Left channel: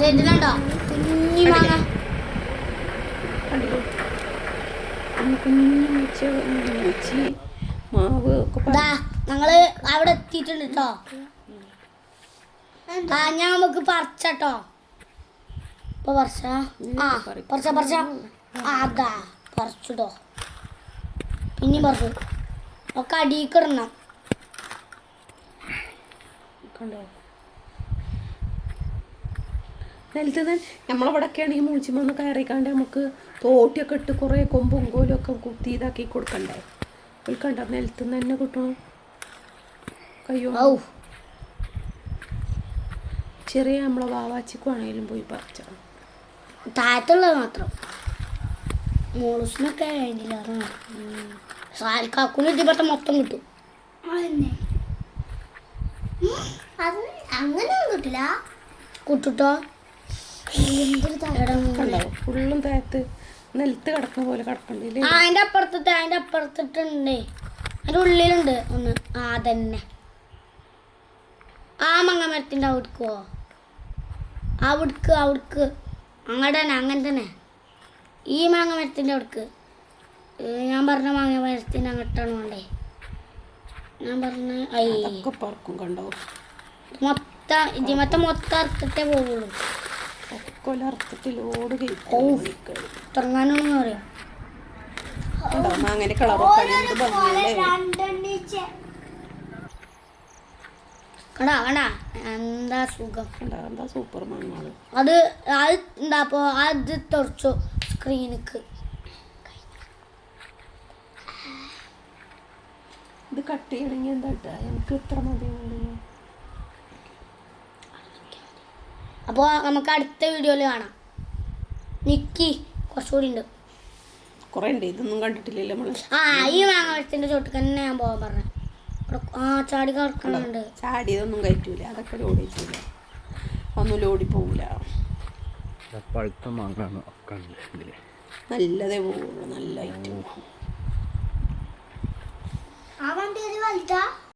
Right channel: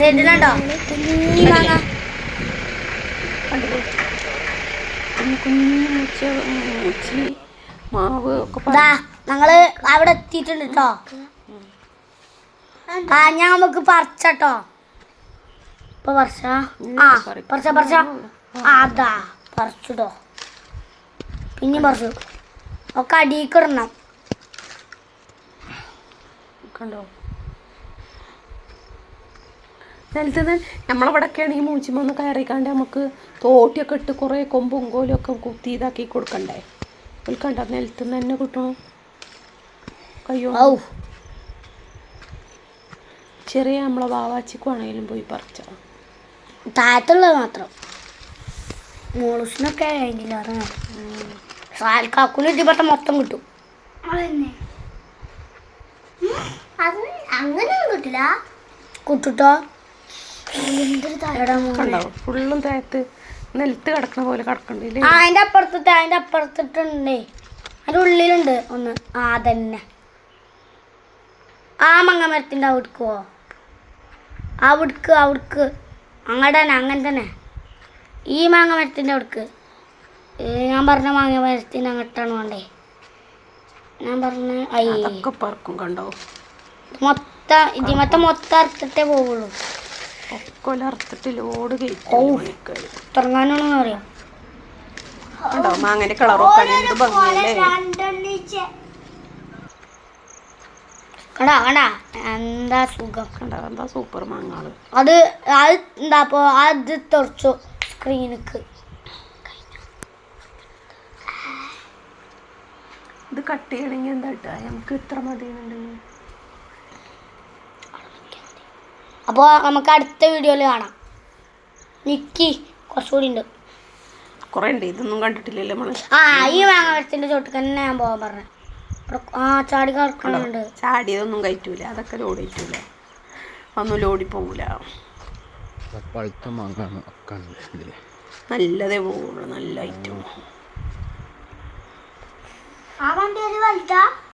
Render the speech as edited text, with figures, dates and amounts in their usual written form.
സെന്റിലുണ്ടോ കുഞ്ഞി മാങ്ങ മാവ് ഒക്കെ ഞങ്ങള് അവിടെ എത്തിയിട്ടുണ്ട് കേട്ടോ. ഞാൻ നമുക്ക് പറിച്ചട്ടോ. ഇപ്പൊ പറിച്ച അതാ പറിച്ചിട്ടോ. പിന്നെയും പറിച്ചു. ഒക്കെ അടിയിക്കിടണം കണ്ടോ. നിലത്ത് നമ്മളിവിടെയൊക്കെ ആണെങ്കിൽ മൂച്ചിമൊന്ന് കയറിക്കാണ്ട് നമുക്ക് തോട്ടിയൊക്കെ ഇട്ട് കുറേ കൊമ്പും കോലും ഒക്കെ കുത്തി ഇതാക്കി കൊടുക്കണ്ടേ. കണ്ട നിലത്ത് നിന്ന് തന്നെ കിട്ടണം. കയ്യോ ചെറിയ നമ്മളെ വാവാച്ചിക്കുവാണെങ്കിലും പോയി പറിച്ച താഴത്തുള്ളത് മാത്രം. മോളൂസിനൊക്കെ കാക്കുന് ഇതിപ്പെട്ട മൊത്തം കിട്ടും. അങ്ങനെയൊന്നും കിട്ടില്ല. കിട്ടുട്ടോ. ഫുള്ളും തേത്ത് നിലത്ത് കിടക്കണ പോലെ കിടക്കണ്ടേ. അതിന്റെ അപ്പുറത്തിട്ടുണ്ടേ. അതിന്റെ ഉള്ളിലുണ്ട് ഒന്ന്. അതന്നെ ആ മങ്ങമരത്തിന്റെ അവിടുക്കോ. അവിടുക്ക് അങ്ങോട്ട് തന്നെ അങ്ങനെ തന്നെ. ഈ മാങ്ങമരത്തിന്റെ അവിടുക്ക്. ഞാൻ പറഞ്ഞ മാങ്ങമരത്തിന് അങ്ങോട്ടാണ് വേണ്ടേ. ഞാൻ പറഞ്ഞ അതൊക്കെ പറക്കും കണ്ടോ. മൊത്തം അറുത്തിട്ടേ പോവുള്ളൂ. ഒക്കെ അറുത്തിട്ട് ലോഡ് തുടങ്ങാനൊന്നും അറിയാം. കണ്ടോ മാങ്ങന്റെ കളറൊക്കെ എന്ത് ഭംഗിയല്ലേ. കണ്ടാ എന്താ സുഖം. എന്താ സൂപ്പർ മാങ്ങാള്. അത് എന്താപ്പോ അത് തുറച്ചു സ്ക്രീനിക്ക്. ഇത് കട്ട് ചെയ്യണമെങ്കിൽ എന്താ ഇട്ടാ നമുക്ക് ഇത്ര മതിയുന്നുണ്ടെങ്കിൽ. അപ്പോൾ നമുക്ക് അടുത്ത വീഡിയോയിൽ കാണാം. നിക്കി കുറച്ചുകൂടി ഉണ്ട്. കുറേ ഉണ്ട്. ഇതൊന്നും കണ്ടിട്ടില്ലല്ലോ നമ്മള്. ഈ മാങ്ങമരത്തിന്റെ ചോട്ടിൽ തന്നെ ഞാൻ പോകാൻ പറഞ്ഞു. ചാടി കിടക്കുന്നുണ്ട്. ചാടിയതൊന്നും കയറ്റൂല. അതൊക്കെ ലോഡ് കയറ്റൂല. ഒന്നും ലോടി പോകൂല. പഴുത്ത മാങ്ങ നല്ലതേ പോവുള്ളൂ. നല്ല ഐറ്റം. ആ വണ്ടി വലുതാ.